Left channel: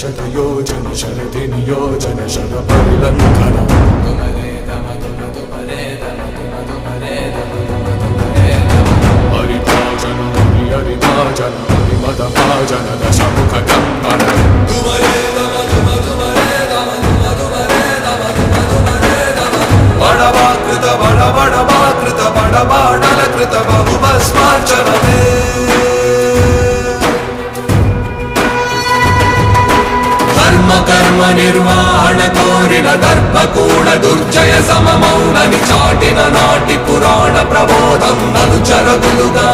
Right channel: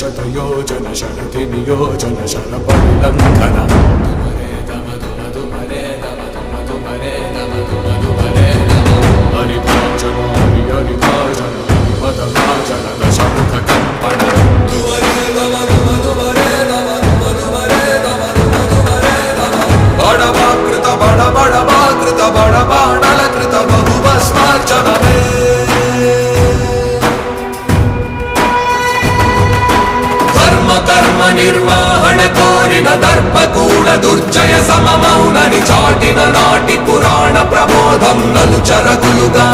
शतयोजन शरति नियोजन शरपरिलङ्घन हरिभाजन हरिभाजन हरिमदभाजन दशमुखकम्पन बडवाकृत बडबडवाकृत बडबाडलकृत बहुभस्मार्चनमे कर्म निर्वाहण कोरिन दर्पकूण दुर्जय सममौननि चाटिन नाटि पुराण प्रबोधं नलुचरगुलुगा